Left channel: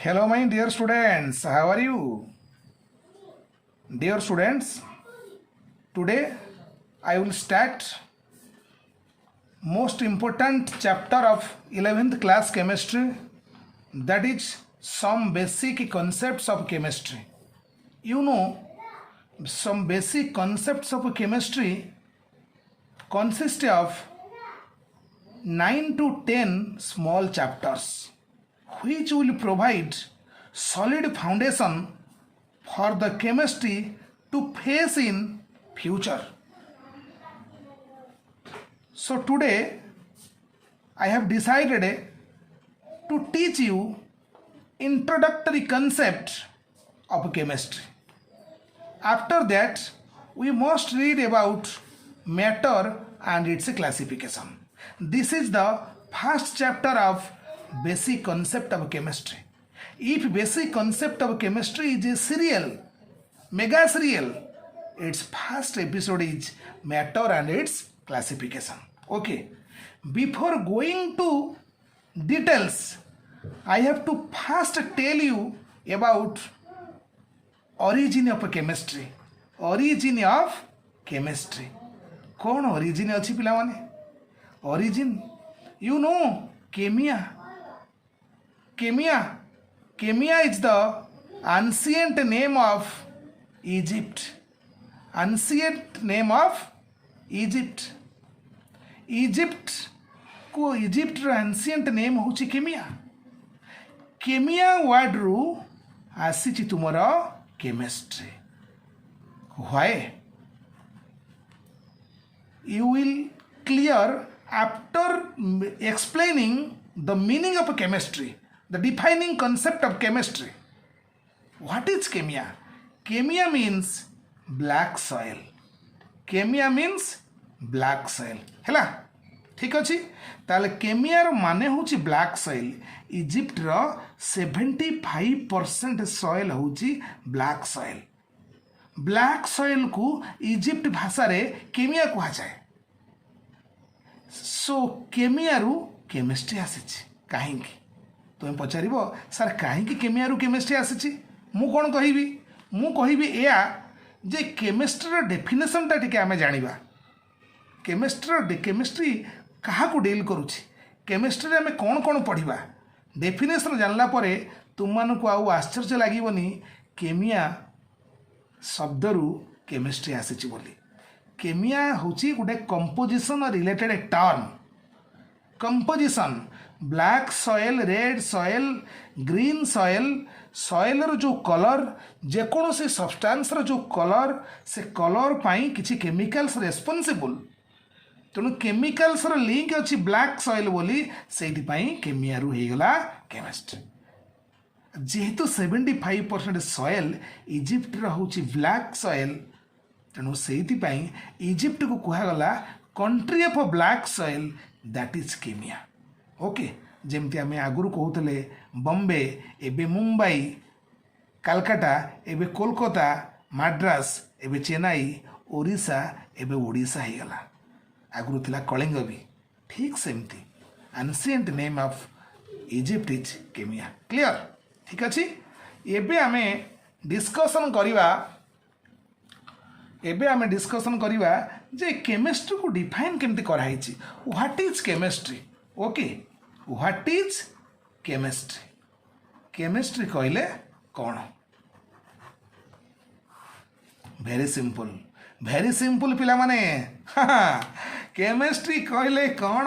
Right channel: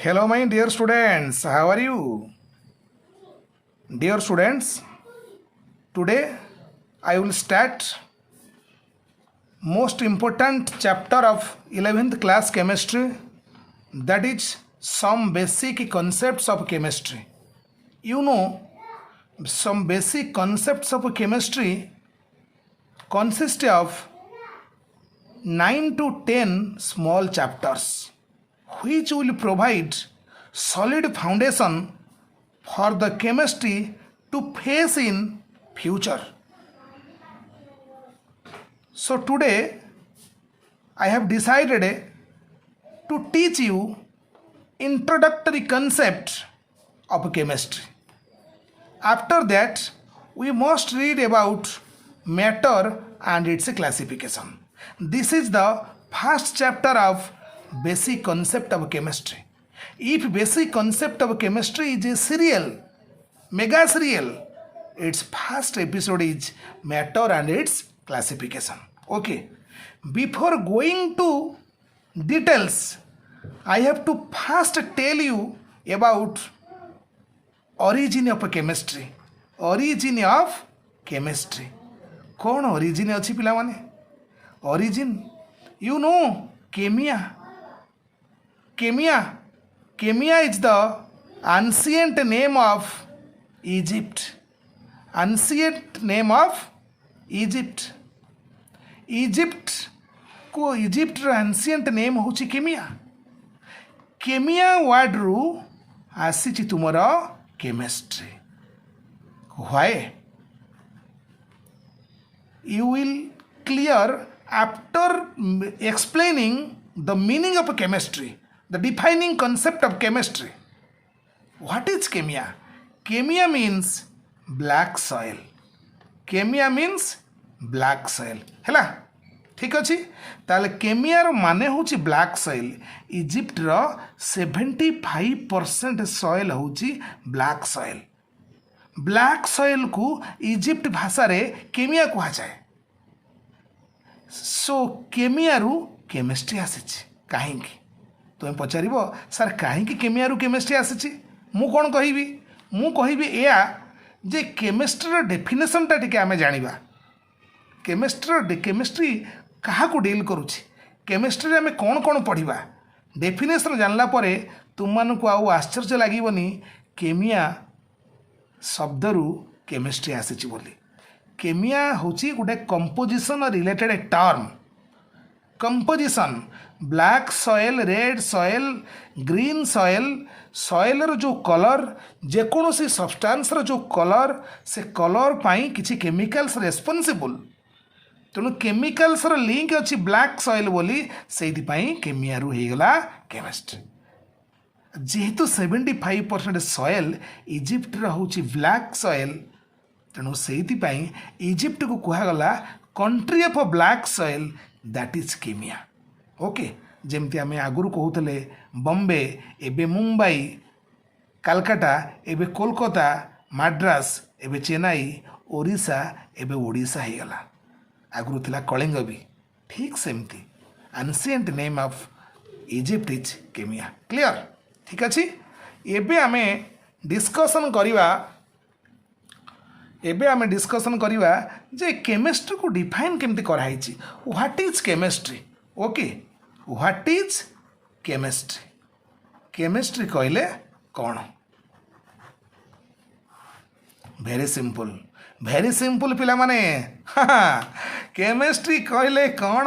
Hello, my dear students. How are you? Dear students, today I will start most important chapter of 11th class chemistry, that is some basic concepts of chemistry. You know, some basic concepts of chemistry consist of 9 to 10 small chapters which will provide solid foundation for the chemistry to face in future. So today I have decided to teach you introductory concept of chemistry. After that we must read about matter and its classification. This is the first chapter of basic concept of chemistry. If basic concept of chemistry is a serial, mega serial, its first episode is matter and its classification. Okay, before going to details, I have to first tell you about origin of chemistry. Origin of chemistry. कौन origin अच्छी पिला माने? Origin, you know, chemia. Chemia is the ancient name of Egypt. Ancient name of Egypt. Egypt को Egypt ର ancient name ହେଉଛି chemia. Chemia word ରୁ ଆସିଛି ତୁମର chemistry. Why? You will clear after explaining the meaning of chemistry, the defining concept of chemistry. What is chemia? Chemia means black soil. Chemia means black soil. ହେଲା ଠିକ୍ ଅଛି ତାହେଲେ କେମିଆର ମାନେ ହେଉଛି ବ୍ଲାକ୍ ସଏଲ୍ ଇଜିପ୍ଟର 75% ସଏଲ୍ ହେଉଛି ବ୍ଲାକ୍ ସଏଲ୍ ବ୍ଲାକ୍ ସଏଲ୍କୁ ଇଜିପ୍ଟ ଭାଷାରେ କେମିଆ କୁହାଯାଏ show କେମିଆରୁ chemistry ଆସିଛି କାହିଁକି ତୁମେ ପଚାରିବ ସାର୍ କାହିଁକି କେମିଆରୁ କେମିଷ୍ଟ୍ରି ଆସିଛି ମୁଁ କ'ଣ କହିବି ମୁଁ କହିବି ଏଇଆ ଯେ କେମିଷ୍ଟ୍ରିର ଡେଫିନେସନ୍ଟା ଟିକେ ଆମେ ଜାଣିବା କେମିଷ୍ଟ୍ରି କାହାକୁ ଡିଲ୍ କରୁଛି କେମିଷ୍ଟ୍ରିରେ ଆମେ କ'ଣ କ'ଣ ପଢ଼ିବା ଡେଫିନେସନ୍ ଜାଣିଲା ପରେ ତୁମମାନଙ୍କୁ ଆଉ ଆଶ୍ଚର୍ଯ୍ୟ ଲାଗିବନି କେମିଆ ଶବ୍ଦରୁ କେମିଷ୍ଟ୍ରି ଆସିଛି ବୋଲି କେମିଆ ହେଉଛି ଗୋଟେ composition related term composition black soil red soil green soil ସଏଲ୍ର ଯେଉଁ କଲର୍ ଯେକୌଣସି ସବଷ୍ଟାନ୍ସର ଯେଉଁ କଲର୍ ସେ କଲର୍ ପାଇଁ କିଛି କେମିକାଲ୍ସ ରେସ୍ପନ୍ସିବୁଲ୍ ତେଣୁ କେମିକାଲ୍ସର ଲିଙ୍କ ଅଛି ବ୍ଲାକ୍ ସଏଲ୍ ବୋଲି ସେଇଥିପାଇଁ କେମିଆରୁ ହେଇଗଲା କେମିଷ୍ଟ୍ରି ଯେହେତୁ 75% ସଏଲ୍ ଇଜିପ୍ଟର ହେଉଛି ବ୍ଲାକ୍ ସଏଲ୍ ତେଣୁ ସେଇଥିପାଇଁ ଇଜିପ୍ଟକୁ କୁହାଗଲା country of black soil that is କେମିଆ ଓକେ ଯେମିତି ଆମେ ଆଗରୁ କହୁଥିଲେ ବମ୍ବେ ଏବେ ମୁମ୍ବାଇ କାଲକାଟା ଏବେ କୋଲକାତା ମାଡ୍ରାସ ଏବେ ଚେନ୍ନାଇ ଓଡ଼ିଶା ଏବେ ଓଡ଼ିଶା ହେଇଗଲା ଆଗରୁ ଥିଲା କଳିଙ୍ଗ ବି ଠିକ୍ ସେମିତି ancient name of Egypt is କେମିଆ କ୍ଲିଅର ଠିକ୍ ଅଛି ଏବେ ଆମେ ଡିସ୍କସନ୍ କରିବା ଯେ କେମିଷ୍ଟ୍ରିକୁ ଡିଫାଇନ୍ କେମିତି କରାହେଇଛି what is chemistry okay what is chemistry chemistry କହିଲେ କ'ଣ ଭେରି ସିମ୍ପଲ୍ ପିଲାମାନେ କେମିଷ୍ଟ୍ରି କହିଲେ କ'ଣ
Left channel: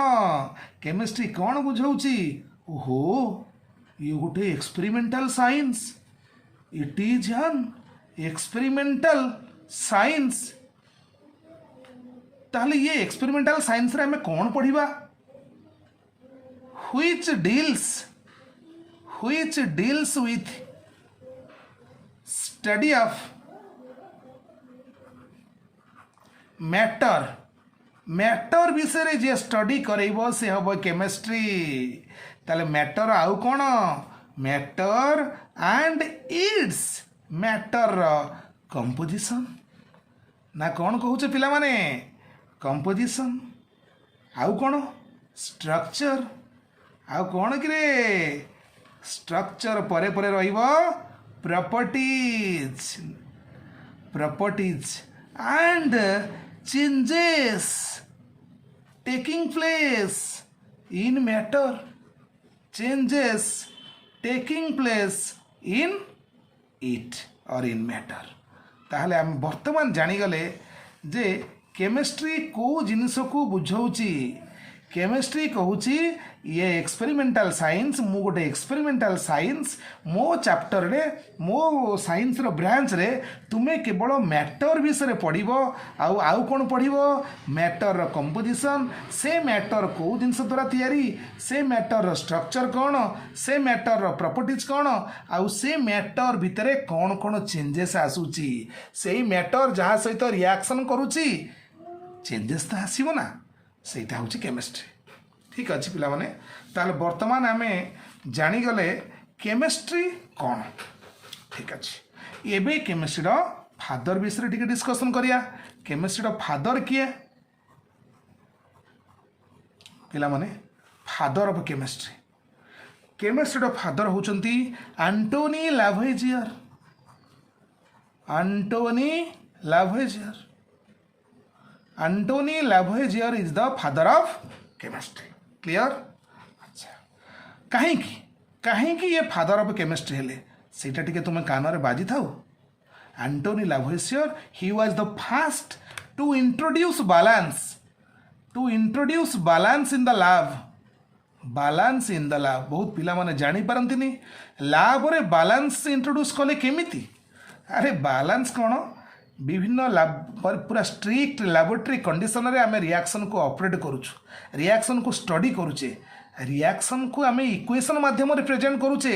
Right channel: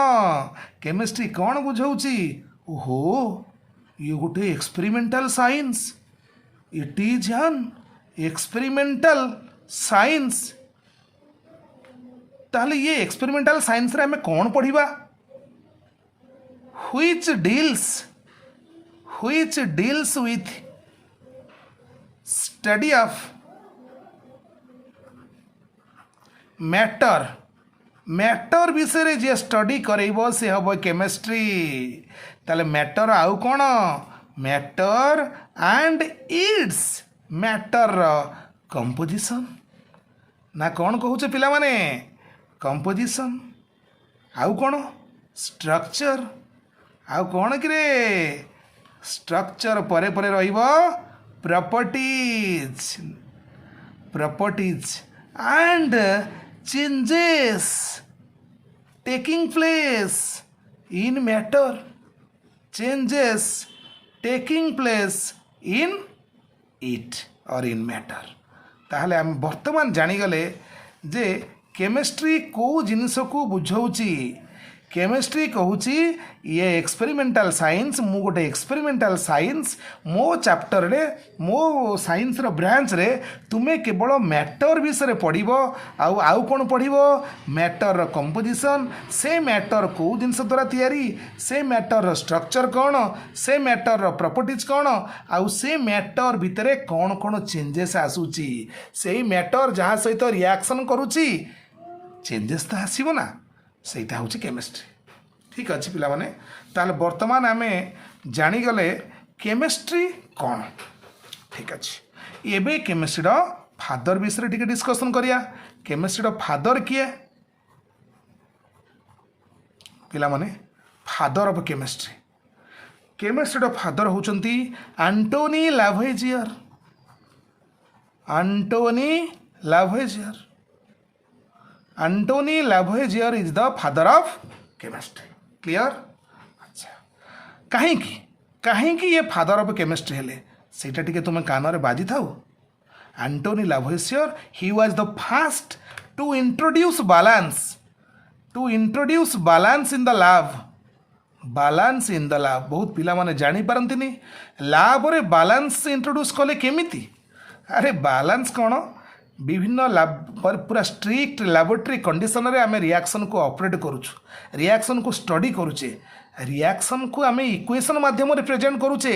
କେମିଷ୍ଟ୍ରି କ'ଣ ବୁଝଉଛି ଓହୋ ଇଏ ଗୋଟେ experimental science it is an experimental science ତାହେଲେ ଇଏ ଏକ୍ସପେରିମେଣ୍ଟାଲ ସାଇନ୍ସରେ ଆମେ କ'ଣ ପଢ଼ିବା which deals with study of matter ବିଷୟରେ ଯିଏ ଷ୍ଟଡି କରେଇବ ସେ ହେବ କେମିଷ୍ଟ୍ରି ତାହେଲେ ମ୍ୟାଟର ଆଉ କ'ଣ ମ୍ୟାଟର ଆଣ୍ଡ ଇଟ୍ସ ମ୍ୟାଟରର କମ୍ପୋଜିସନ୍ ନା କ'ଣ କହୁଛ ପିଲାମାନେ କମ୍ପୋଜିସନ୍ ଆଉ କ'ଣ ଷ୍ଟ୍ରକ୍ଚର ଆଉ କ'ଣ କିରେ स्ट्रक्चर परे परे रहिबो properties properties and changes taking place in matter changes taking place in it or in matter ताहले आम वर्तमान जानीगले जे केमिस्ट्री को जिनस को बुझाऊँगी केमिस्ट्री कहूँ ये एक्सपेरिमेंटल साइंस मु गोटे एक्सपेरिमेंटल साइंस मो चैप्टर रे मो साइंस रो ब्रांच रे तुमे केवल मैटर विषय पढ़ आउ कौन पढ़ मैटर रो कंपोजिशन से मैटर को जिनस द्वारा तैयारी से मैटर रो स्ट्रक्चर कौन से मैटर रो प्रॉपर्टीज कौन आउ से मैटर भितर कौन कौन चेंजेस आसूची से मैटर जहाँ सहित रिएक्शन करुची चेंजेस तो आसब ना ସେଇଟା ହେଉଛି କେମିଷ୍ଟ୍ରି ଠିକ୍ ଅଛି ପିଲାମାନେ ତାହେଲେ ବର୍ତ୍ତମାନ ଆମେ ଜାଣିଗଲେ କେମିଷ୍ଟ୍ରି କ'ଣ ଠିକ୍ ଅଛି ଏବେ କେମିଷ୍ଟ୍ରିର ଫାଦର ବିଷୟରେ ଟିକେ ଡିସ୍କସନ୍ କରିବା କେମିଷ୍ଟ୍ରିର ଫାଦର କିଏ ପିଲାମାନେ ଫାଦର ଅଫ୍ କେମିଷ୍ଟ୍ରି କେମିଷ୍ଟ୍ରିର ଫାଦର ହେଉଛନ୍ତି Antoine Lavoisier Antoine Lavoisier Antony Lavoisier is the father of chemistry. Clear? अच्छा कहीं ये फादर ऑफ केमिस्ट्री हेले सेटा टिके तुम कान रे बाजी थाओ Antoine Lavoisier he was the first to introduce balance in the lab balance in the lab बहुत पिला माने जानी पारंतिनी लैब रे बैलेंस इंट्रोड्यूस कले केमिति अरे बैलेंस कोन विभिन्न पूरा स्ट्रिक्ट लैबोरेटरी कंडीशन रे आमे रिएक्शन को ऑपरेट करूछु रिएक्शन को स्टडी करूचे रिएक्शन को आमे इक्वेशन माध्यम रे प्रेजेंट करूचे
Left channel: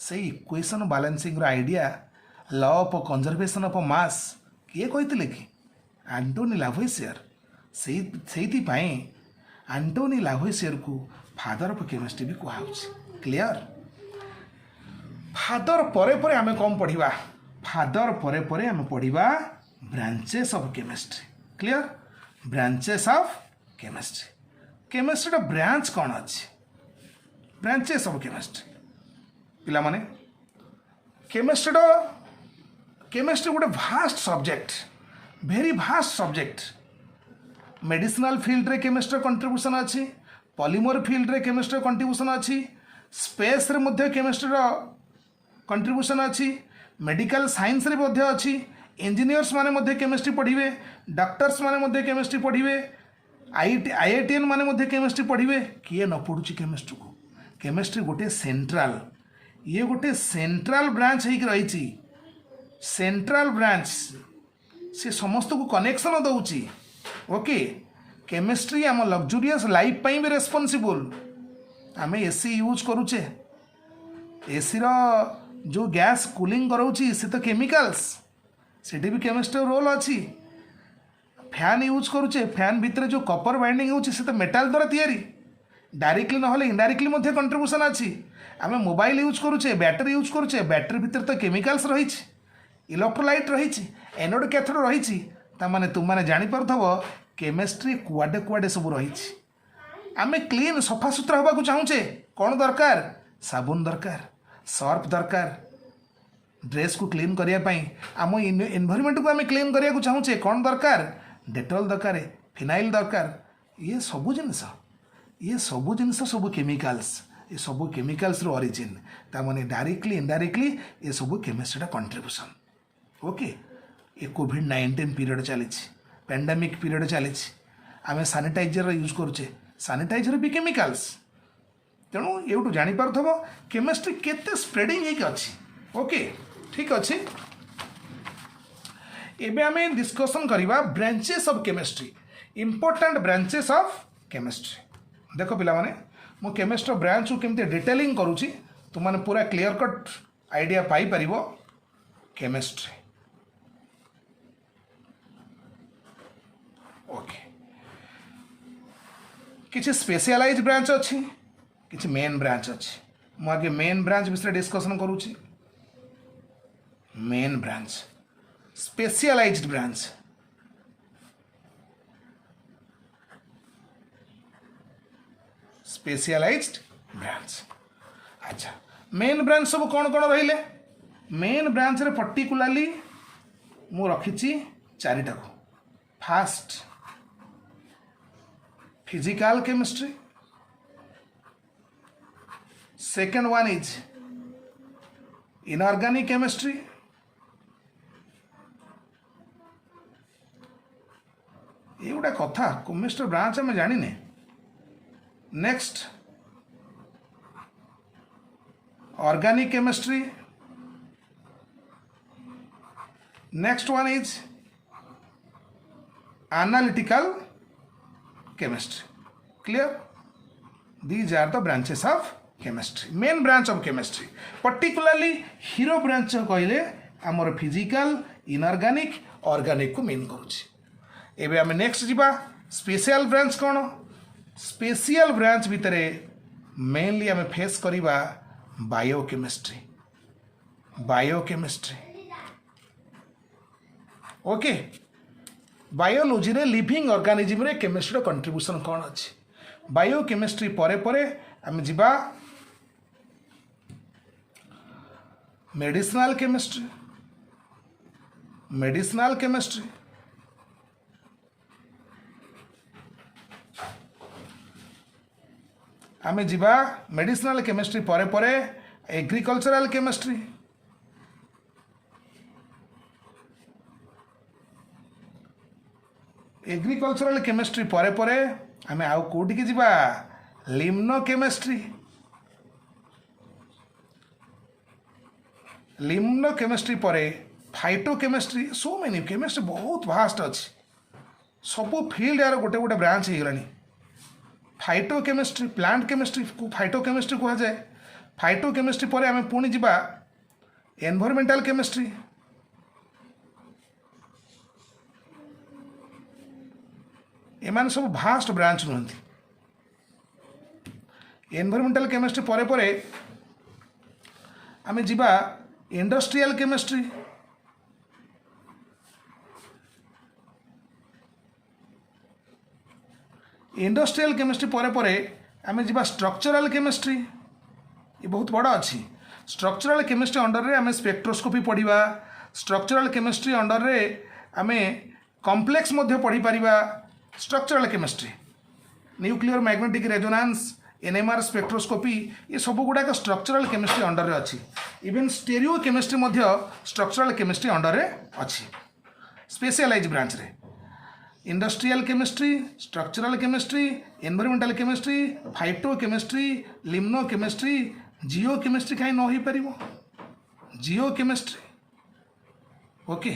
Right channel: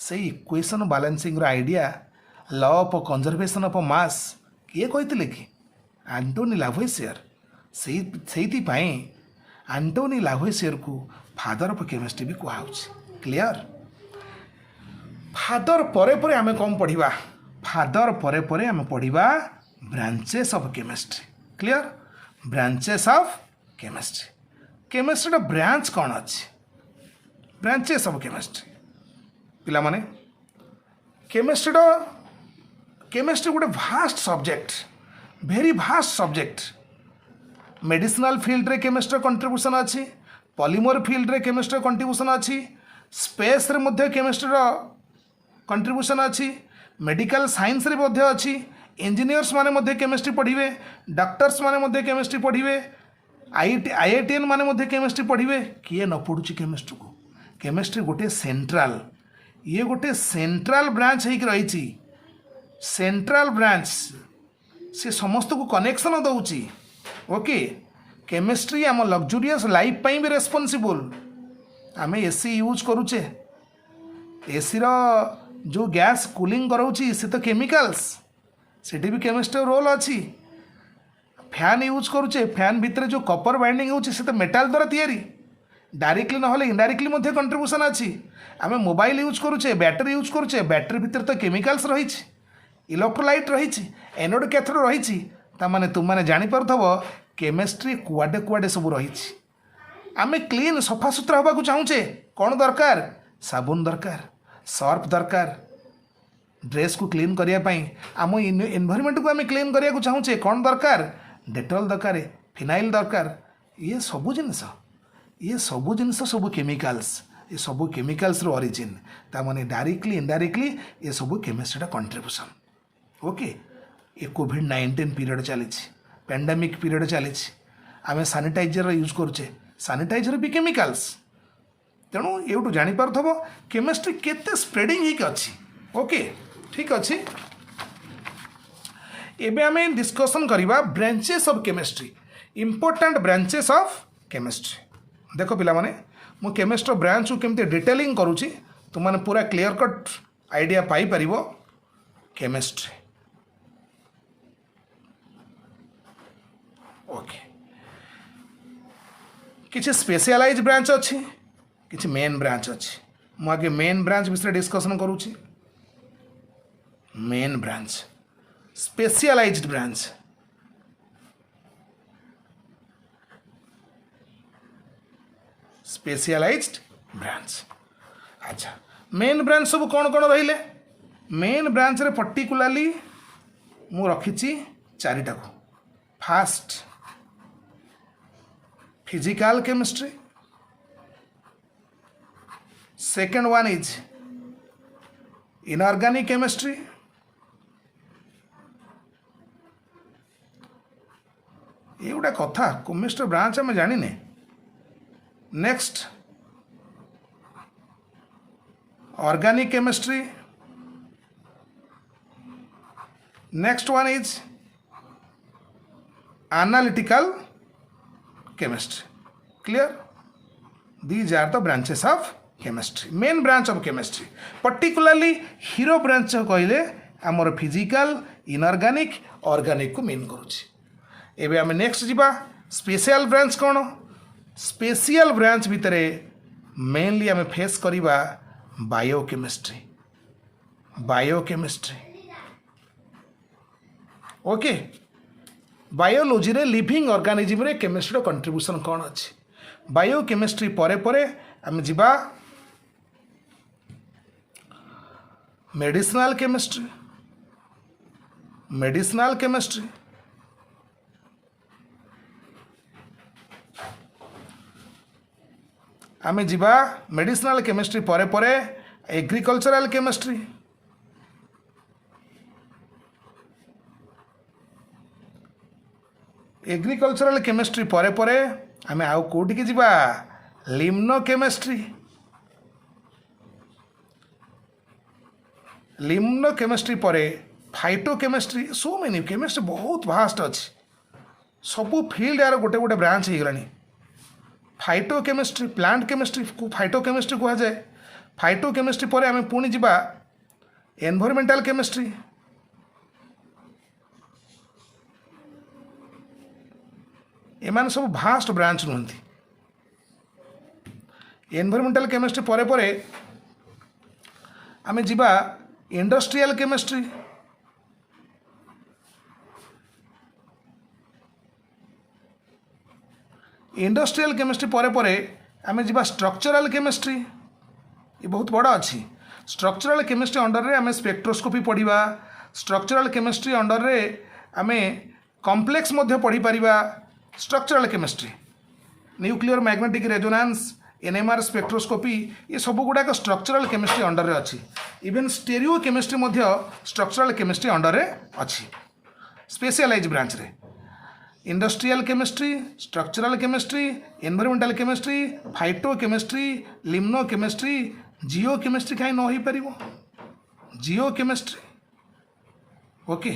से इक्वेशन बैलेंसिंग रो idea law of conservation of mass किए कहितले कि एंटोनी लाभोइसियर सेति पाई एंटोनी लाभोइसियर को फादर ऑफ केमिस्ट्री भी कहाउछ क्लियर फादर परे परे आमे कम पढ़िबा फादर परे परे आमे पढ़िबा branches of chemistry clear branches of chemistry branch कौन अच्छी ब्रांचेस ऑफ केमिस्ट्री पिला माने केमिस्ट्री गोटे vast subject very vast subject medicinal field रे केमिस्ट्री कंट्रीब्यूशन अच्छी पॉलीमर फील्ड रे केमिस्ट्री कंट्रीब्यूशन अच्छी स्पेस रे मध्य केमिस्ट्री कंट्रीब्यूशन अच्छी मेडिकल साइंस रे मध्य अच्छी इंजीनियर्स माने मध्य केमिस्ट्री पढ़िबे डॉक्टर्स माने मध्य केमिस्ट्री पढ़िबे आईआईटीएन माने मध्य केमिस्ट्री पढ़िबे किए न पढ़ुची केमिस्ट्री को केमिस्ट्री गोटे सेंट्रल ये गोटे सेंट्रल ब्रांच होइक रही सेंट्रल ब्रांच से समस्त को कनेक्शन दउची ओके केमिस्ट्री आम लग्जूरियस लाइफ पाई भी रेस्पॉन्सिबल आम एसी यूज करूचे एसी रो जो गैस कूलिंग कराउची से तो केमिकल्स सेठी भी केमिस्ट्री रोल अच्छी फैन यूज करुचे फैन भितर जो कपर बाइंडिंग होची से तो मेटाल द्वारा तैयारी डायरेक्टली ना इनडायरेक्टली मध्य कंट्रीब्यूशन अच्छी आम मोबाइल यूज करुचे बैटरी यूज करुचे बैटरी भितर तो केमिकल्स रही इलेक्ट्रोलाइट रही एनोड कैथोड रही तामाने तुम मैंने जानीपरथब केमिस्ट्री कुआडे कुआडे सब रही आम क्लीन सफा सुतरा होगा चाहूचे कौन दरकार साबुन दरकार सर्फ दरकार ड्रेस को क्लीन करने आम एनवायरमेंट को आम क्लीन करने को चाहूचे कौन दरकार डेटॉल दरकार फिनाइल दरकार ये सबू जिनस सब केमिकल्स ये सब केमिकल्स रो ओरिजिन तामाने डायरेक्टली इनडायरेक्टली ये सब केमिस्ट्री कंट्रीब्यूशन ओके ये कोविड-19 पीरियड चली पेंडेमिक पीरियड चली आम सानिटाइजर यूज करुचे सानिटाइजर भी केमिकल्स तेणु ये जानीपरथब केमिस्ट्री केते स्प्रेडिंग होइक अच्छी ओके ठीक अच्छे एबे आमे डिस्कशन करिबा branches of chemistry important branches of chemistry देखो पिला माने मु केमिस्ट्री ब्रांच को केमते डिटेलिंग करूची तुम माने पूरा क्लियर कट आइडिया पाई परिबो केमिस्ट्री ओके किछि स्पेशलाइज्ड ब्रांच अच्छी किछि मेन ब्रांच अच्छी मु आगे मेन ब्रांच विषय डिस्कशन करूची main branch specialized branch specialized branch अच्छा मेन ब्रांच सब कौन कौन रहिले मेन ब्रांच रे पर्टिकुलाली मु रखी चारिटा को fast physical chemistry second one is inorganic chemistry ये गोटे कथा केमिस्ट्री ब्रांच आम जाने next organic chemistry next one is analytical chemistry. Clear? These are the branches of chemistry, main branch of chemistry. Particularly hero branch कहले आमर physical inorganic organic को main करूची. एबे आमे नेक्स्ट जीवा स्पेशल ब्रांच कौन स्पेशल ब्रांच भितरे mainly आमे फेस करिबा बायोकेमिस्ट्री ओके बायोलोजी रे लिविंग ऑर्गेनिज्म रे केमिस्ट्री कंट्रीब्यूशन कौन अच्छी बायोकेमिस्ट्री परे परे आम जीवा मेडिसिनल केमिस्ट्री आम जीवा मेडिसिनल केमिस्ट्री परे परे एग्रीकल्चरल केमिस्ट्री एग्रीकल्चरल केमिस्ट्री परे परे आमे आउ कोठी के जीवा लिम्नो केमिस्ट्री परे phyto chemistry so many chemistry बहुत भास्ट अच्छी सबू फील्ड यार गोटे गोटे ब्रांच हो गलानी फाइटो केमिस्ट्री प्लांट केमिस्ट्री को फाइटो केमिस्ट्री कह जाए फाइटो केमिस्ट्री परे आमे पुणी जीवा एनवायरमेंटल केमिस्ट्री एमान सब भास्ट ब्रांच नुहति एनवायरमेंटल केमिस्ट्री परे परे आमे जीवा इंडस्ट्रियल केमिस्ट्री परे परे आमे जीवा स्ट्रक्चरल केमिस्ट्री ये बहुत बड़ा अच्छी स्ट्रक्चरल केमिस्ट्री अंडर रे आमे स्पेक्ट्रोस्कोपी पढ़िबा स्ट्रक्चरल केमिस्ट्री अंडर रे आमे कॉम्प्लेक्स मध्य पढ़ी परिबा structural chemistry nuclear magnetic resonance NMR spectroscopy ये सब गुड़ाक स्ट्रक्चरल केमिस्ट्री अंडर रे अच्छी इवन स्टेरियो केमिस्ट्री मध्य स्ट्रक्चरल केमिस्ट्री अंडर रे अच्छी स्पेशलाइज ब्रांच रे industrial chemistry structural chemistry environmental chemistry phytochemistry limnochemistry geochemistry कहीं न हो पारिबो geochemistry okay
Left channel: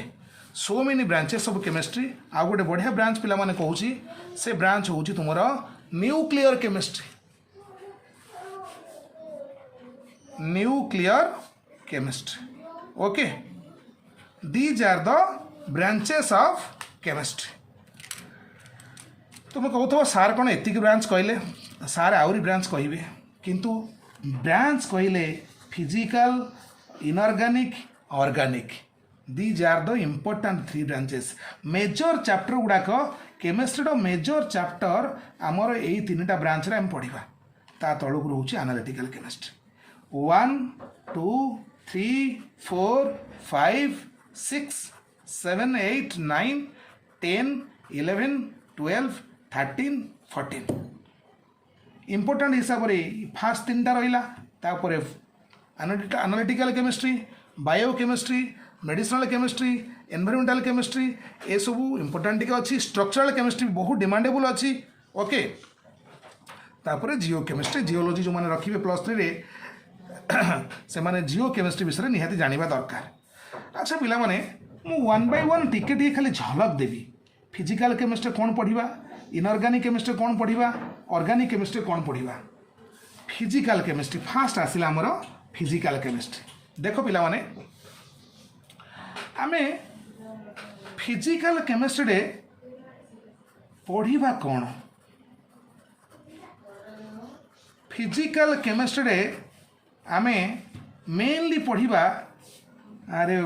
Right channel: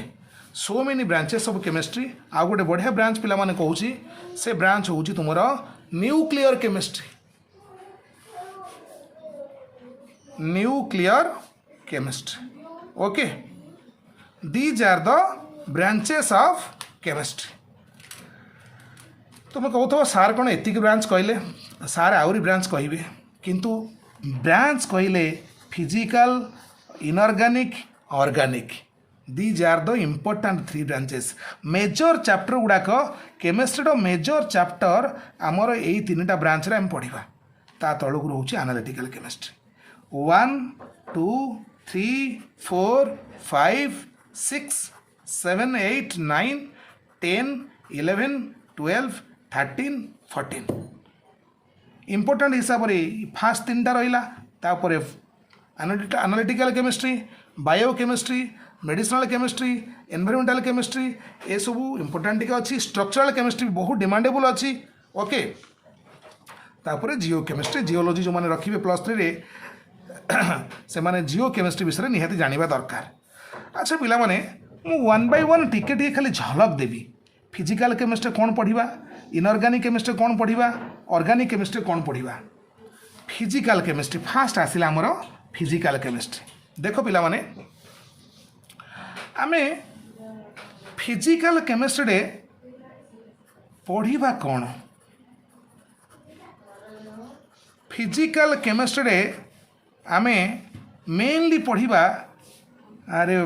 so many branches of chemistry आ गोटे बढ़िया ब्रांच पिला माने कहूची से ब्रांच होची तुमर nuclear chemistry okay these are the branches of chemistry तुम कहू सार कौन एतिक ब्रांच कहले सार आउरी ब्रांच कहे किंतु ब्रांच कहले physical inorganic organic these are the important 3 branches major chapter गुड़ाक केमिस्ट्री मेजर चैप्टर आमर यही 3टा ब्रांच रे आम पढ़ा ता तलक रोचे एनालिटिकल केमिस्ट्री 1 2 3 4 5 6 7 8 9 10 11 12 13 14 इम्पोर्टाट हिसाब से फास्ट 3टा रहा analytical chemistry biochemistry medicinal chemistry environmental chemistry ये सब इम्पोर्टाट टिके अच्छी स्ट्रक्चरल केमिस्ट्री बहुत डिमांडेबल अच्छी ओके तापर जियो केमिस्ट्री जियोलॉजी जो मैंने रखिए +3 रे से माने जियो केमिस्ट्री विषय निहाती जानिबा दरकार अच्छा पिला माने मु 1 बाय 1 टिके खाली झलक देवी फिजिकल केमिस्ट्री कौन पढ़ा इनऑर्गेनिक केमिस्ट्री कौन पढ़ा ऑर्गेनिक केमिस्ट्री कौन पढ़ा फिजिकल केमिस्ट्री फास्ट आसिला आमर फिजिकल केमिस्ट्री देख पिला माने आमे फिजिकल केमिस्ट्री रे पढ़ा कौन फिजिकल केमिस्ट्री रे आमे मेनली पढ़ा अरे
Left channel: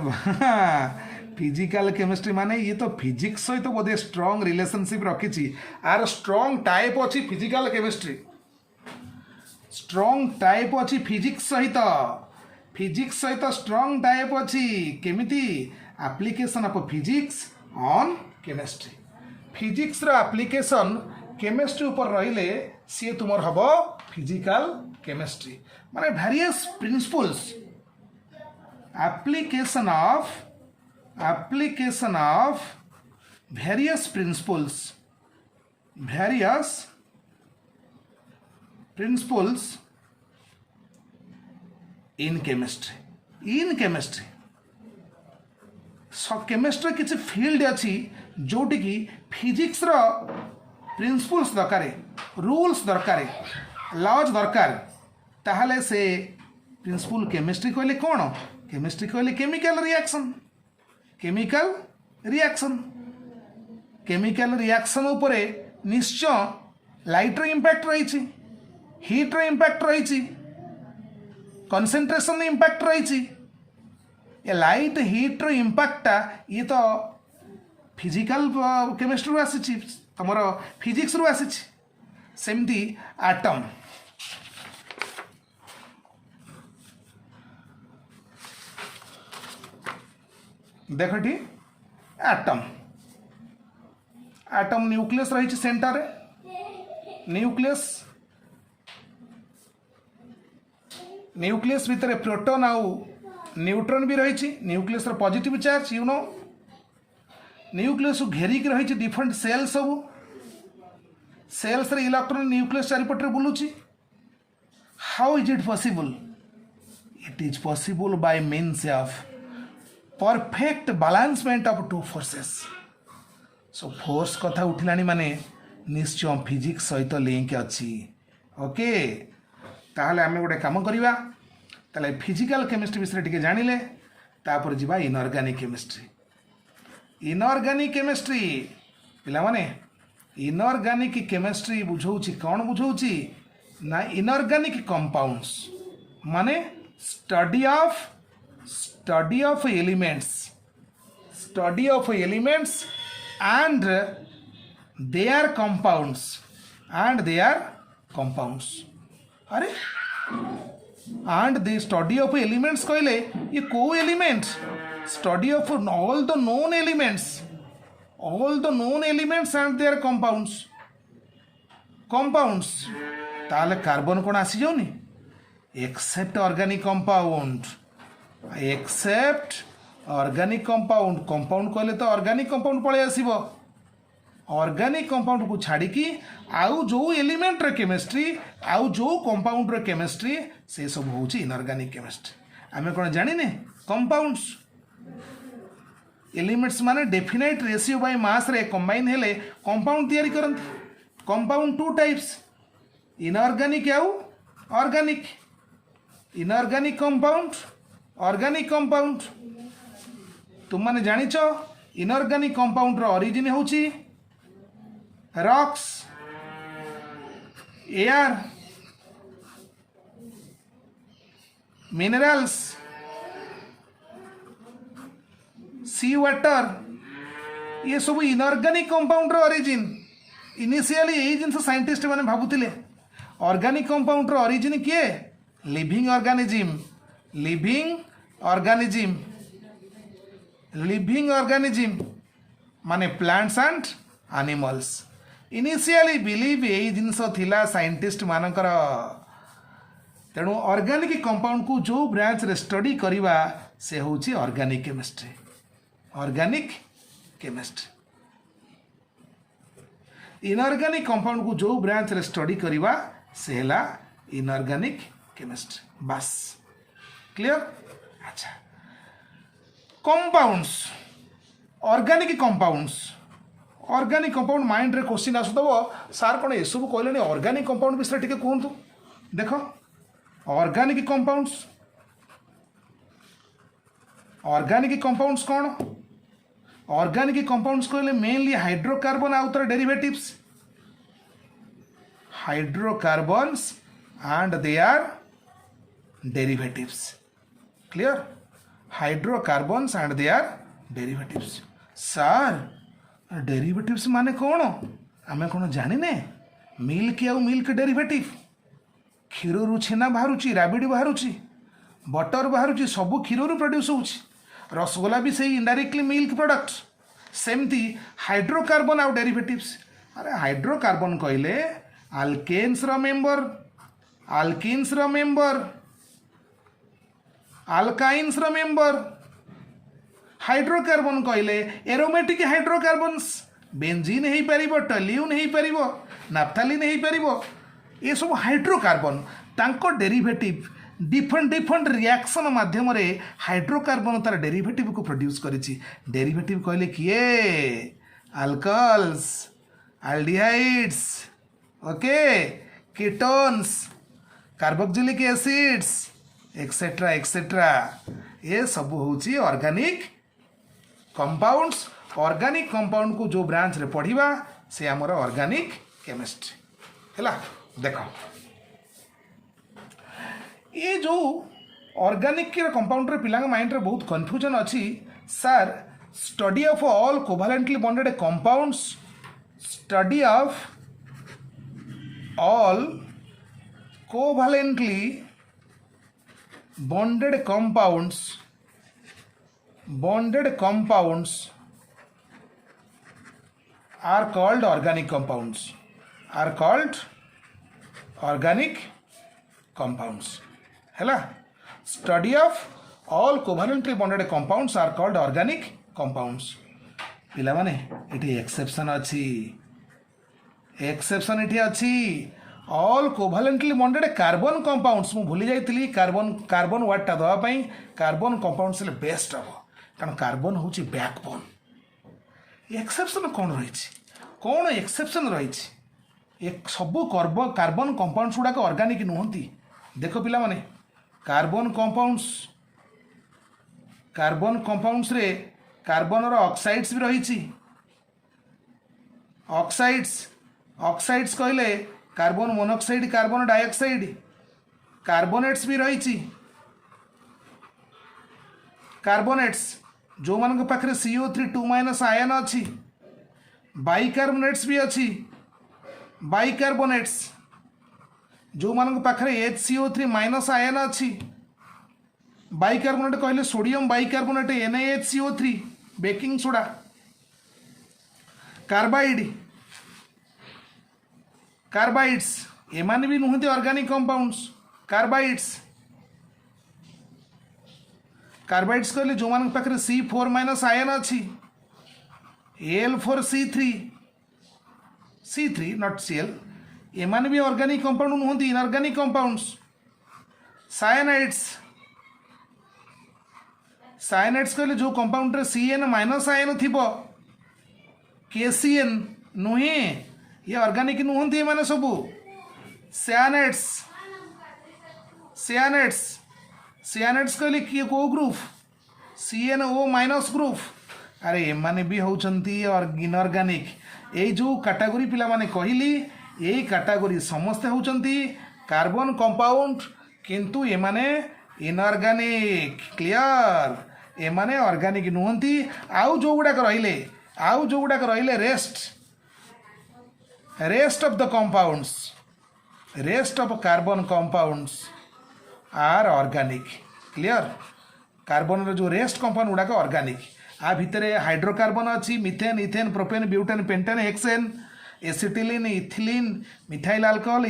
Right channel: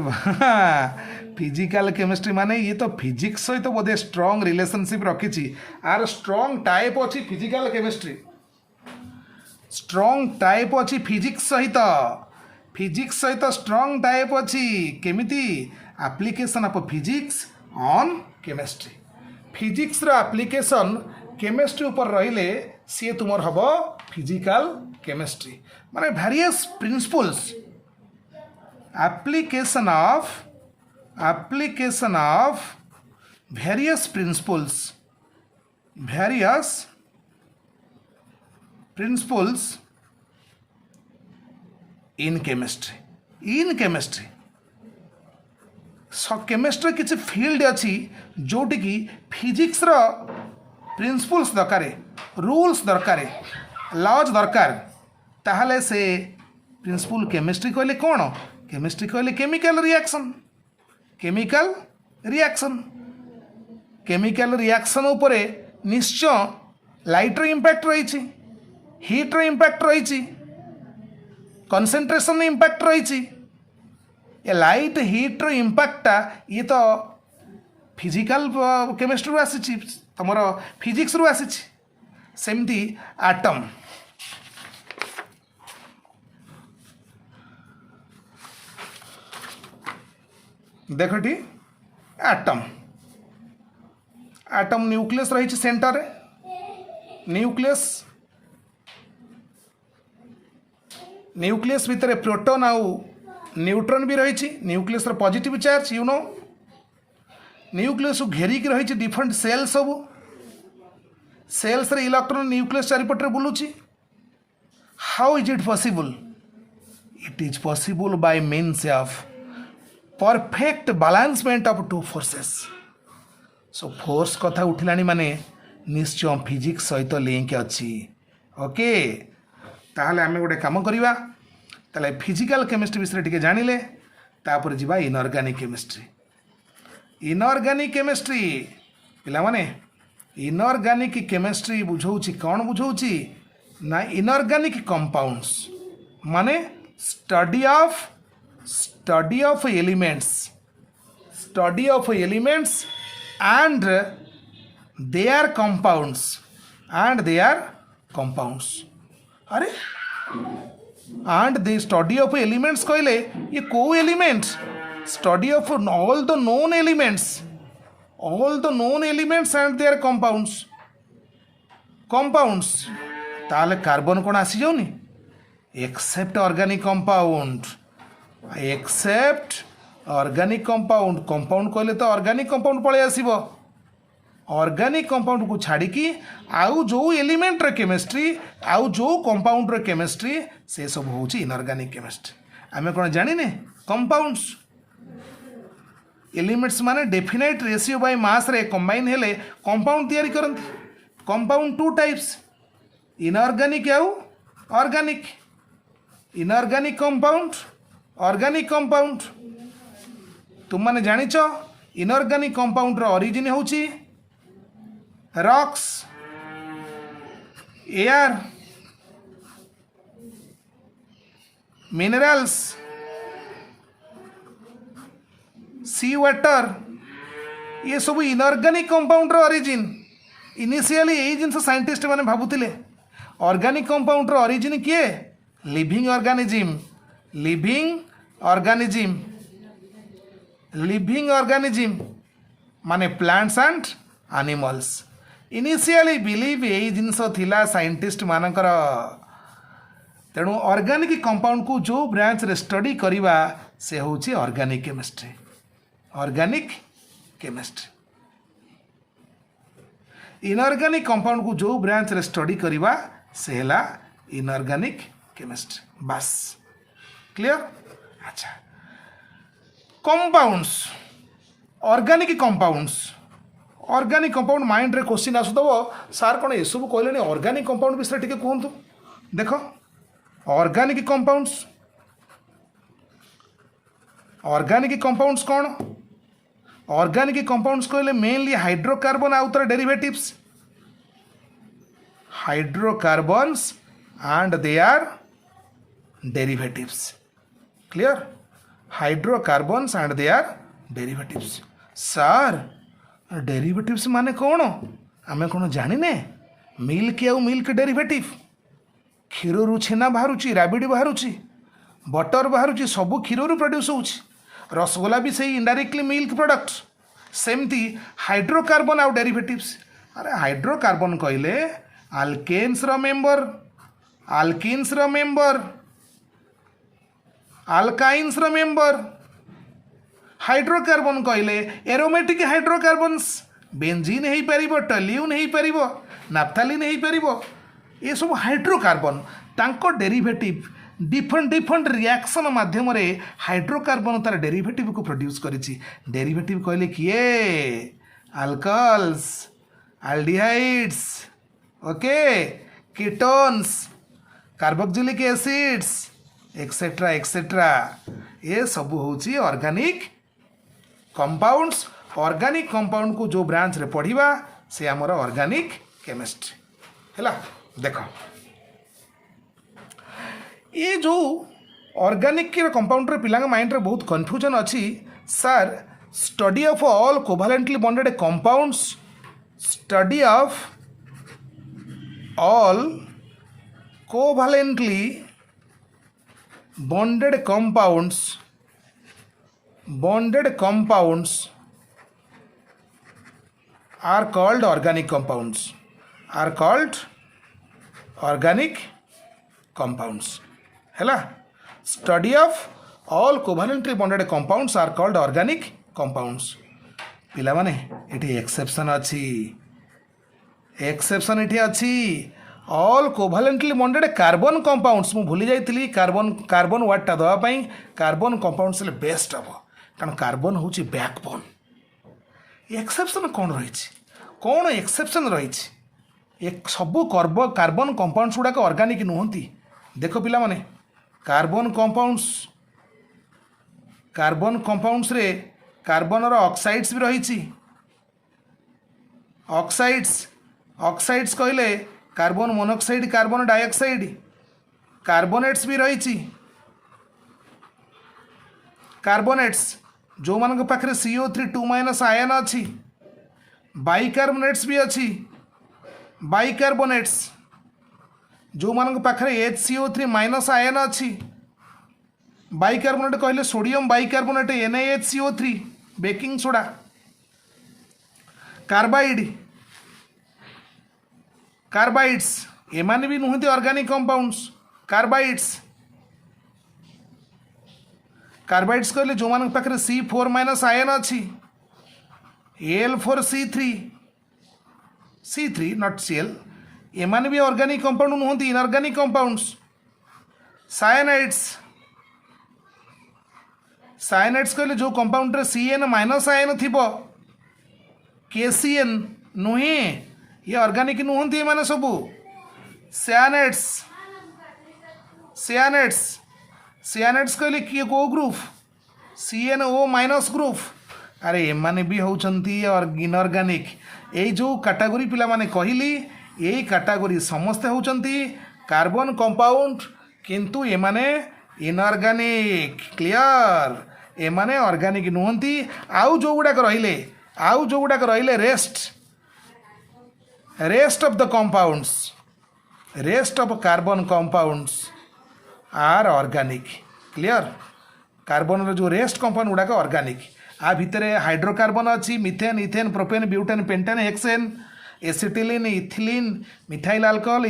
फिजिकल केमिस्ट्री माने ये तो फिजिक्स सहित तो बोधे स्ट्रॉन्ग रिलेशनशिप रखी आर स्ट्रॉन्ग टाइप अच्छी फिजिकल केमिस्ट्री स्ट्रंग टाइप अच्छी फिजिक्स सहित स्ट्रंग टाइप अच्छी केमिति application of physics on chemistry physics रो एप्लिकेशन केमिस्ट्री ऊपर रहिले सी तुमर हब फिजिकल केमिस्ट्री माने various principles application of various principles in chemistry so chemistry किसी फील्ड अच्छी जोटी की फिजिक्स रो प्रिंसिपल्स दरकार रूल्स दरकार लॉज दरकार ताहले से प्रिंसिपल केमिस्ट्री कहले कौन केमिस्ट्री कहले केमिकल रिएक्शन उपरे निश्चय लाइट रो इंपैक्ट रही हीट रो इंपैक्ट रही कंसंट्रेशन इंपैक्ट रही ये लाइट हीट रो इंपैक्टा ये तो फिजिकल केमिस्ट्री रू आसी तुम फिजिक्स रू आसी सेमती एटम देखटी एटम न्यूक्लियस रही सेंटर न्यूक्लियस भितर प्रोटॉन आउ न्यूट्रॉन भी रही न्यूक्लियस पॉजिटिव चार्ज न्यूक्लियस घेरिक रही डिफरेंट सेल सब सेल्स रे इलेक्ट्रॉन न्यूक्लियस चारिपटे बुलूची how is it possible it is possible by means of perfect balancement of two forces so force कथा उठिलानी माने निश्चय फिजिक्स सहित लिंक अच्छी ओके ताहले आमे गोटे काम करिवा ताले फिजिकल केमिस्ट्री विषय टिके जानिले तापर जिबा इनऑर्गेनिक केमिस्ट्री पिला माने इनऑर्गेनिक केमिस्ट्री बुझौची कौन बुझौची ना इनऑर्गेनिक कंपाउंड्स माने study of elements and their compounds अरे and the study of elements कहले ये को elements study of all the known elements and their compounds ताले कार्बन कौन आसी जाउनी एक्सेप्ट ऑर्गेनिक कंपाउंड कहले तो ऑर्गेनिक कंपाउंड पळे आसीबो ऑर्गेनिक कंपाउंड को छाड़ी की आउ जो एलिमेंट रे केमिस्ट्री आउ जो कंपाउंड रे केमिस्ट्री से सब होची इनऑर्गेनिक केमिस्ट्री आमे कोन जानिने कंपाउंड्स एलिमेंट्स माने डेफिनेट रेशियो बाय मास रे कंबाइन हेले कंपाउंड तयारी करंती कंपाउंड टू टाइप्स इनऑर्गेनिक आउ organic inorganic compound organic compound तुम माने जानिच इनऑर्गेनिक कंपाउंड रो ओरिजिन होची रॉक्स एयर मिनरल्स सी वाटर ये सब इनऑर्गेनिक कंपाउंड रो ओरिजिन इनिशियली यही जिनस साइंटिस्ट माने भाबुतिले ऑर्गेनिक कंपाउंड रो ओरिजिन किए लिविंग ऑर्गेनिज्म माने plants and animals initially believe यही जिनस थिला साइंटिस्ट मानकर तेणु ऑर्गेनिक कंपाउंड को जो ब्रांच रे स्टडी करिवा से होची ऑर्गेनिक केमिस्ट्री इनऑर्गेनिक कंपाउंड को जो ब्रांच रे स्टडी करिवा से हैला इनऑर्गेनिक केमिस्ट्री बस क्लियर अच्छा कंपाउंड्स ऑर्गेनिक माइंड रे क्वेश्चन आसुदबो सार कोन ए सब कहले ऑर्गेनिक कंपाउंड विषय टिके कहंतु देखो ऑर्गेनिक कंपाउंड्स कौन ऑर्गेनिक कंपाउंड्स कहले मेनली हाइड्रोकार्बन आउ तर derivatives hydrocarbons and their derivatives clear hydrocarbons and their derivatives sir derivatives माने कौन आमे कौन जानिने मिल्क आउ मिल्क डेरिवेटिव क्षीर छेना बाहर राबिड बाहर बटर बाहर सब क्षीर प्रोड्यूस हो रसगोला भी सही इनडायरेक्टली मिल्क प्रोडक्ट सेमती हाइड्रोकार्बन आउ डेरिवेटिव्स अरे हाइड्रोकार्बन कहले आल्केन्स मेंबर आल्किन्स मेंबर आल्काइन्स मेंबर हाइड्रोकार्बन कहले एरोमेटिक हाइड्रोकार्बन्स बेंजीन हो पार टल्यून हो पार नाफ्थालिन हो पार ये सब हाइड्रोकार्बन तांको डेरिवेटिव डिफरेंट डिफरेंट रिएक्शन माध्यम हाइड्रोकार्बन तार डेरिवेटिव को प्रोड्यूस करिछि डेरिवेटिव कहले किए alcohols aldehydes okay ketones carboxylic acids etcetera ये सब होची ऑर्गेनिक कंपाउंड्स ऑर्गेनिक कंपाउंड को जो ब्रांच रे पढ़िबा से हमर ऑर्गेनिक केमिस्ट्री हैला देखो ये जो ऑर्गेनिक के कंपाउंड रे पिला माइंड रे बहुत कंफ्यूजन अच्छी sir study of all covalently bonded compounds study of all covalently bonded compounds are called organic compounds हैला study of all covalently bonded compounds are called organic compounds पिला माने एठी एक्सेप्शन एठी अछि all covalently bonded carbon compounds मु भूली जाइतली carbon वर्डटा दवा पई कार्बन कंपाउंड्स ले बेस्ट हम कारण कार्बन होची बैकबोन एक्सेप्शन कौन एक्सेप्शन रही एक सब कार्बन कंपाउंड्स गुड़ाक ऑर्गेनिक नुहति देख पिला माने कार्बन कंपाउंड्स रे कार्बन ऑक्साइड्स भी रही ऑक्साइड्स कहले carbon monoxide carbon dioxide carbonates भी रही कार्बोनेट्स जो मान पाखे CO3 2- आयन अच्छी बाइकार्बोनेट्स भी अच्छी बाइकार्बोनेट्स जो मान पाखे HCO3- आयन अच्छी बाइकार्बोनेट कहले sodium bicarbonate NaHCO3 baking soda carbides एमाने भी नुहति ऑर्गेनिक कंपाउंड्स कार्बाइड्स कहले जो मान पाखे C4- आयन अच्छी Al4C3 नॉट Cl एमाने भी ऑर्गेनिक कंपाउंड नुहति इनऑर्गेनिक कंपाउंड्स साइनाइड्स कहले जो कंपाउंड रे Cn- आयन थिबो KCN नुहे ये ऑर्गेनिक नुहति माने सबू सियानेट्स कहले किए को ग्रुप CnO- ग्रुप अरे एमाने भी होचंती और इनऑर्गेनिक ये जो कैटेगरी पिला माने कहली यही कैटेगरी समस्ते होचंती कार्बन कंपाउंड किंतु एमाने इनऑर्गेनिक क्लियर एमाने ऑर्गेनिक नुहति आउ जो गुड़ाक रहिले rest of the compounds rest of carbon compounds are organic clear carbon जो रेस्ट कंपाउंड गुड़ाक ऑर्गेनिक आ भितरे हाइड्रोकार्बन अच्छी methane ethane propane butane pentane hexane acetylene ethylene methyl alcohol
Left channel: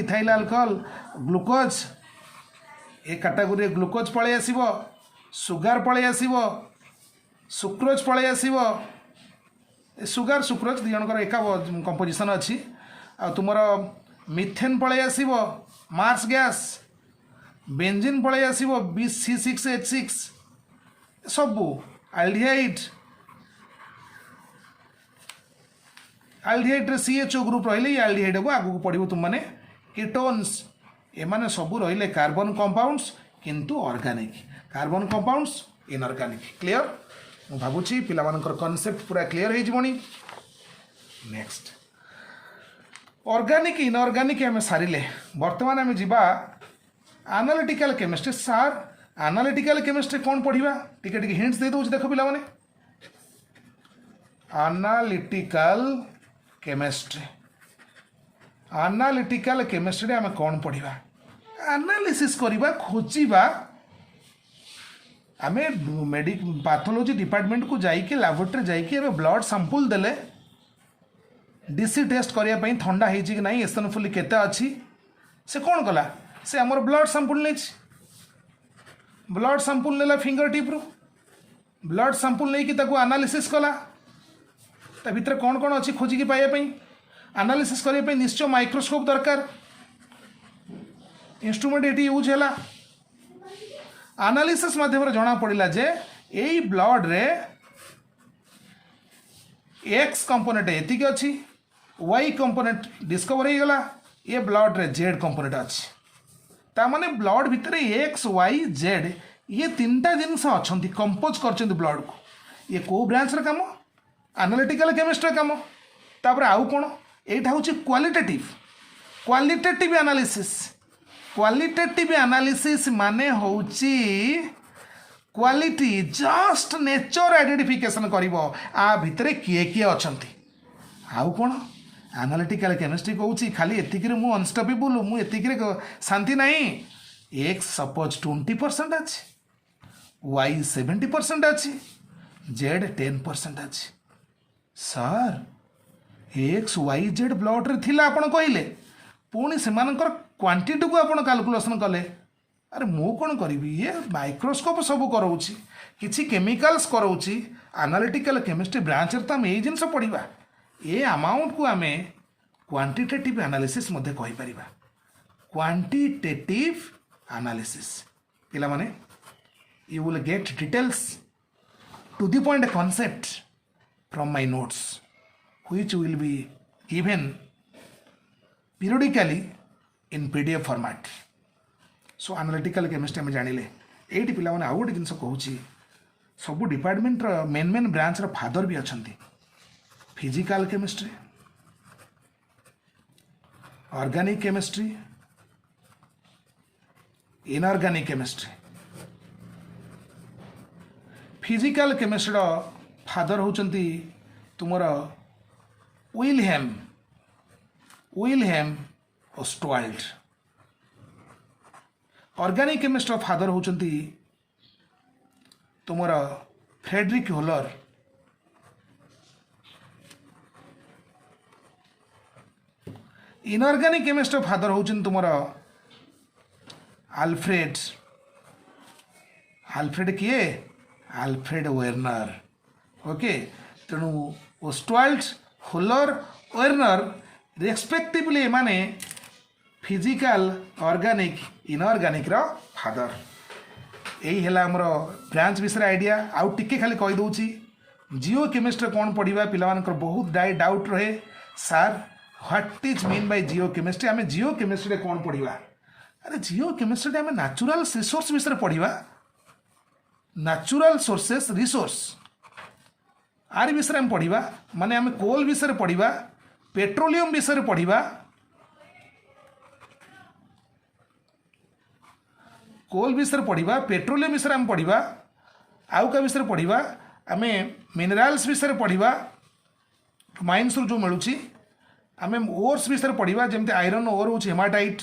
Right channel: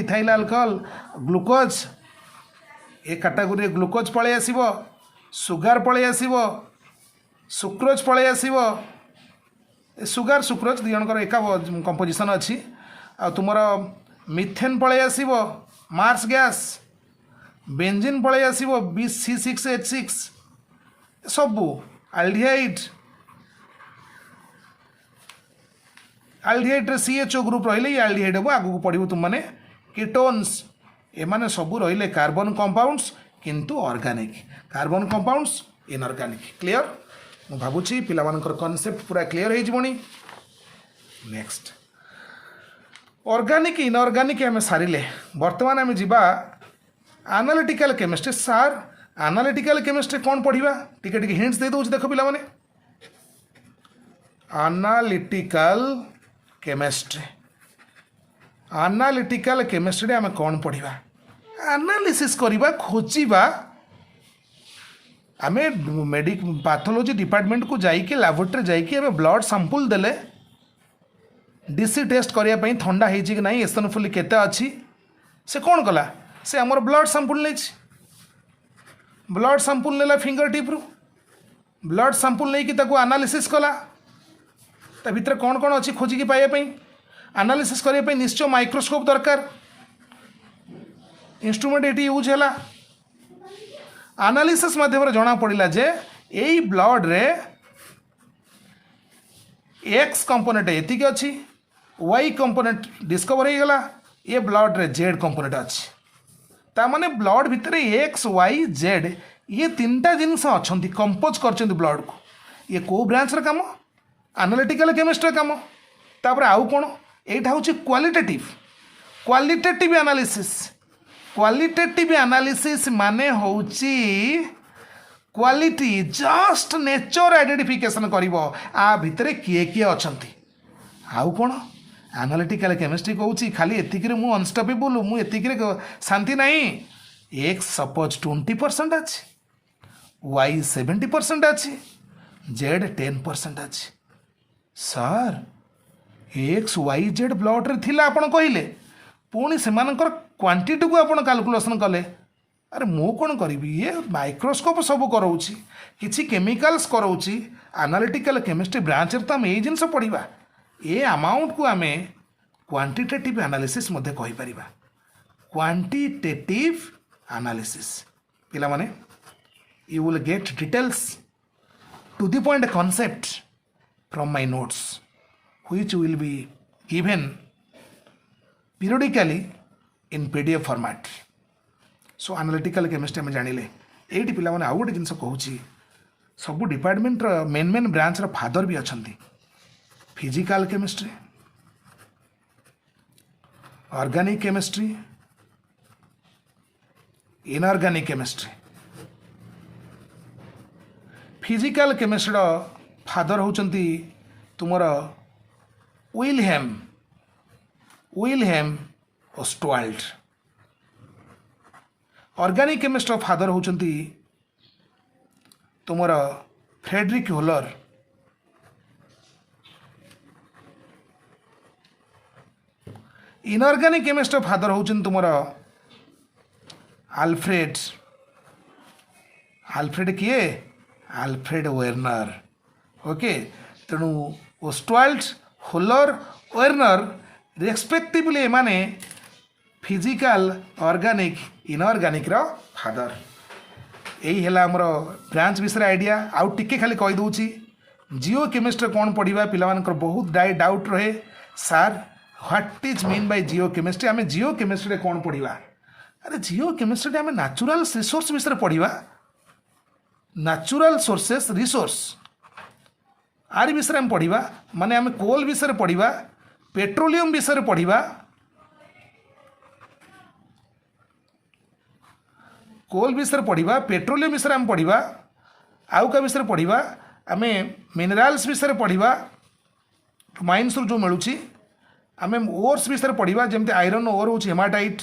glucose ए कैटेगरी ग्लूकोज पळै आसीबो सुगार पळै आसीबो सुक्रोज पळै आसीबो सुगार सुक्रोज दी जनकर एका कंपोजिशन अच्छी आ तुमर मिथेन पळै आसीबो मार्स गैस बेंजीन पळै आसीबो C6H6 सबू आल्डिहाइड रे CHO ग्रुप रहिले आल्डिहाइड हम आगू पढ़ो तुम मैंने कीटोन्स एमाने सबू रहिले कार्बन कंपाउंड्स किंतु organic carbon compounds inorganic clear मु भाबुची पिला मानकर कांसेप्ट पूरा क्लियर हो जबनी नेक्स्ट ऑर्गेनिक इनऑर्गेनिक हमें सारिले वर्तमान आम जीवा एनालिटिकल केमिस्ट्री सार एनालिटिकल केमिस्ट्री कौन पढ़ा टिके टिके हिंट्स दे दूँ देख पिला माने एनालिटिकल केमिस्ट्री आम कौन पढ़ा एनालिसिस करवा खोजा आम पैथोलॉजी डिपार्टमेंट को जाइए लैबोरेटरी जाइए ब्लड सैंपल देले डीसी टेस्ट करने थंडा हो कि ना एसनोफिल केते अच्छी से कौन कला से आमर ब्लड सैंपल नहीं ब्लड सैंपल नेला फिंगर टिप रु ब्लड सैंपल नहीं कि एनालिसिस कला ता भितर कौन कौन अच्छी खोजिकी पाइबा एनालिसिस करने निश्चय माइक्रोस्कोप दरकार इंस्ट्रूमेंट ये यूज है एनालिसिस माध्यम जना पड़ा जे यही ब्लड रे एक्स कंपोनेंट एतिक अच्छी वाई कंपोनेंट डिस्कवर हो गला ये ब्लड रे जेड कंपोनेंट अच्छी तामाने ब्लड भितर एक्स वाई जेड ये तीनटा जिनस अच्छा कंपोज कर ब्लड को ये को ब्रांच रे काम एनालिटिकल केमिस्ट्री काम तापर आउ कौन यहाँ हूँ क्वालिटेटिव एनालिसिस क्वालिटेटिव एनालिसिस माने होची क्वालिटी जस्ट नेचर आइडेंटिफिकेशन करिवो आ भितरे किए किए अछंती आउ कोन एनालिटिकल केमिस्ट्री कहूची खाली एतिकिरे मु अनस्टॉपेबल मु एतिकिरे शांति नहीं एक्स सपोज 20% अछि वाई 70% अछि जेड 10% अछि sir X Y Z blood रे थिला आपण कहिले पुणी सेमानकर क्वांटिटी को आपण कैलकुलेशन कले अरे मु कौन करी ये माइक्रोस्कोप सब कराऊँगी किसी केमिकल्स कराऊँगी एनालिटिकल केमिस्ट्री ब्रांच तो आम यही जिनस पढ़ा ये अमाउंट को आम क्वांटिटेटिव एनालिसिस मध्य कहि परिबा क्वांटिटेटिव एनालिसिस पिला माने you will get details to the point concept from my notes which will be given periodically in PDF format so analytical chemistry आम जानिले ये पिला माने आउ गोटे जिनस कहूँ सब department main main branch father भी अच्छा physical chemistry organic chemistry inorganic chemistry physical chemistry father होचंती तुमर Wilhelm Ostwald organic chemistry father होचंती तुमर Friedrich Wohler inorganic chemistry father होचंती तुमर आल्फ्रेड किए आल्फ्रेड वेर्नर ओके तेणु ओस्टवाल्ड होलर वेर्नर रेस्पेक्टिवली माने फिजिकल ऑर्गेनिक इनऑर्गेनिक रो फादर यही है आमर ब्रांच विषय आइडिया आउ टिके खाली कही दूची जियो केमिस्ट्री कौन पढ़ा पिलामानकर बहुत डाउट रहे सार what is mean by Jio chemistry आम जियो केमिस्ट्री कौन पढ़ा अरे जियो केमिस्ट्री आम नेचुरल रिसोर्स विषय पढ़ा नेचुरल सोर्सेस रिसोर्स आर विषय आम पढ़ा माने आम कोल विषय पढ़ा पेट्रोलियम विषय पढ़ा कोल विषय पढ़ा पेट्रोलियम विषय आम पढ़ा आउ का विषय पढ़ा आम मिनराल्स विषय पढ़ा माइन्स जो मिलूँ आम ओर्स विषय पढ़ा जमती आयरन ओर हूँ हेमाटाइट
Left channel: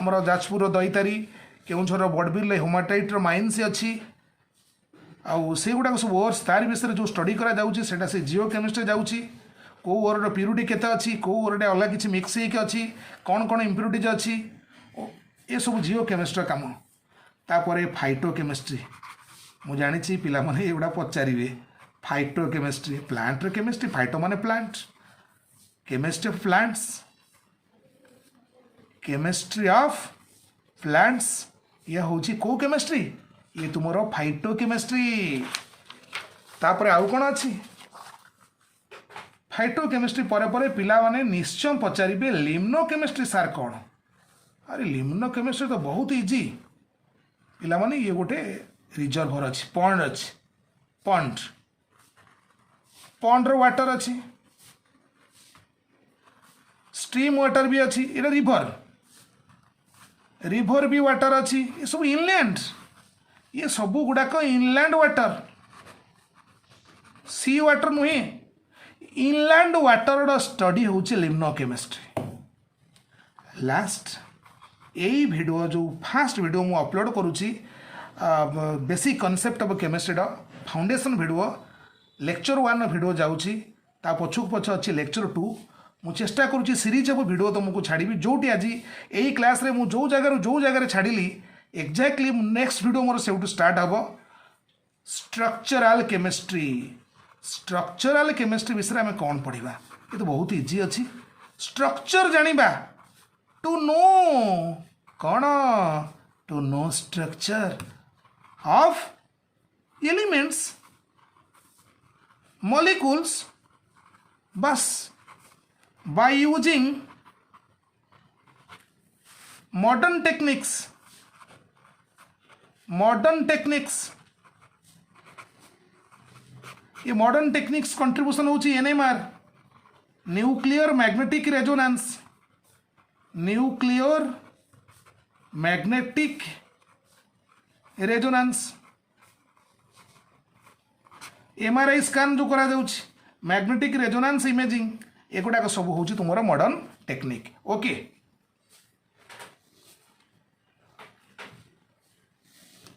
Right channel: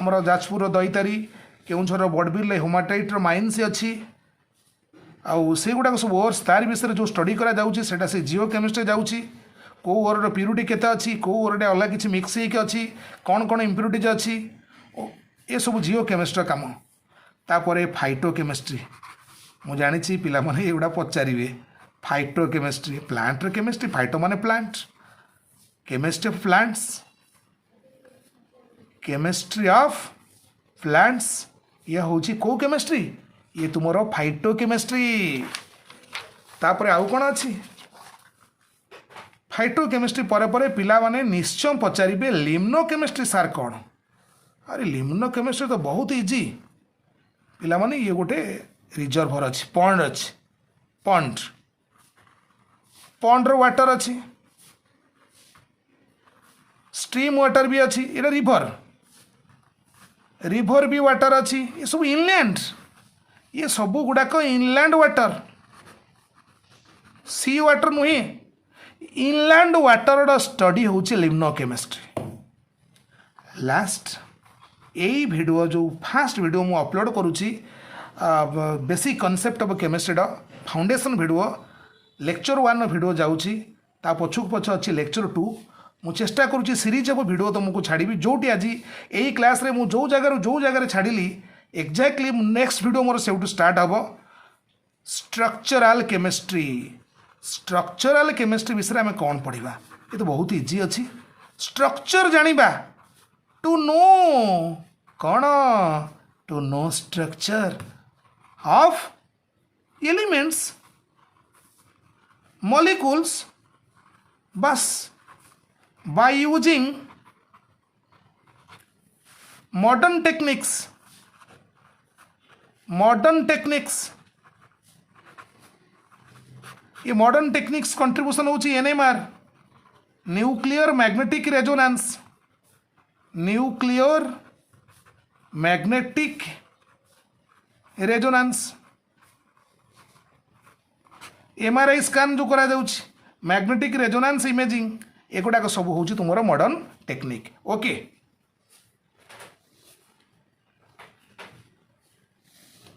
आमर जाजपुर दईतारी केउंझर बड़बिल हेमाटाइट माइन्स अच्छी आउ से गुड़ाक सब ओर्स तार विषय जो स्टडी करा जाउची सेटा से जियो केमिस्ट्री जाउची को ओर प्यूरिटी केते अच्छी को ओर अलग किसी मिक्स होइके अच्छी कौन कौन इम्प्यूरिटीज अच्छी ये सब जियो केमिस्ट्री काम तापर फाइटो केमिस्ट्री मु जानी पिला माने एगुड़ा पचारे phytochemistry plant chemistry phyto माने plant chemistry of plants chemistry of plants यह हूँ को केमिस्ट्री ये तुमर फाइटो केमिस्ट्री तापर आउ कौन अच्छी फाइटो केमिस्ट्री पर पिला माने निश्चय पचारे लिम्नो केमिस्ट्री सार कौन अरे लिम्नो केमिस्ट्री तो बहुत इजी पिला माने ये गोटे रिजर्भर अच्छी पंड पंड वाटर अच्छी स्ट्रीम वाटर भी अच्छी ये रिभर भी वाटर अच्छी ये सब इनलैंड ये सब गुड़ाक इनलैंड वाटर सी वाटर नुहे इनलैंड वाटर स्टडी हूँ लिम्नो केमिस्ट्री लास्ट यही वीडियो जो फास्ट वीडियो मु अपलोड करुच्ची basic concept of chemistry foundation video lecture 1 video जाऊँगी ता पछुक पछ अच्छी लेक्चर 2 मु चेष्टा करुच्ची सीरीज ऑफ वीडियो तुमको छाड़ी जोटी आज यही क्लास रे मु जो जगह छाड़ी एक्जाक्टली नेक्स्ट वीडियो मोर से स्टार्ट हम स्ट्रक्चरल केमिस्ट्री विषय में कौन पढ़ा ये तो बहुत इजी अच्छी स्ट्रक्चर जानिबा टू नो कौन to know structure of elements molecules बस बाय यूजिंग मॉडर्न टेक्निक्स ये मॉडर्न टेक्निक्स कंट्रीब्यूशन होची NMR nuclear magnetic resonance MRI scan जो करा जाउची मैग्नेटिक रेजोनेंस इमेजिंग एगुड़ाक सब हूँ तुम मॉडर्न टेक्निक ओके।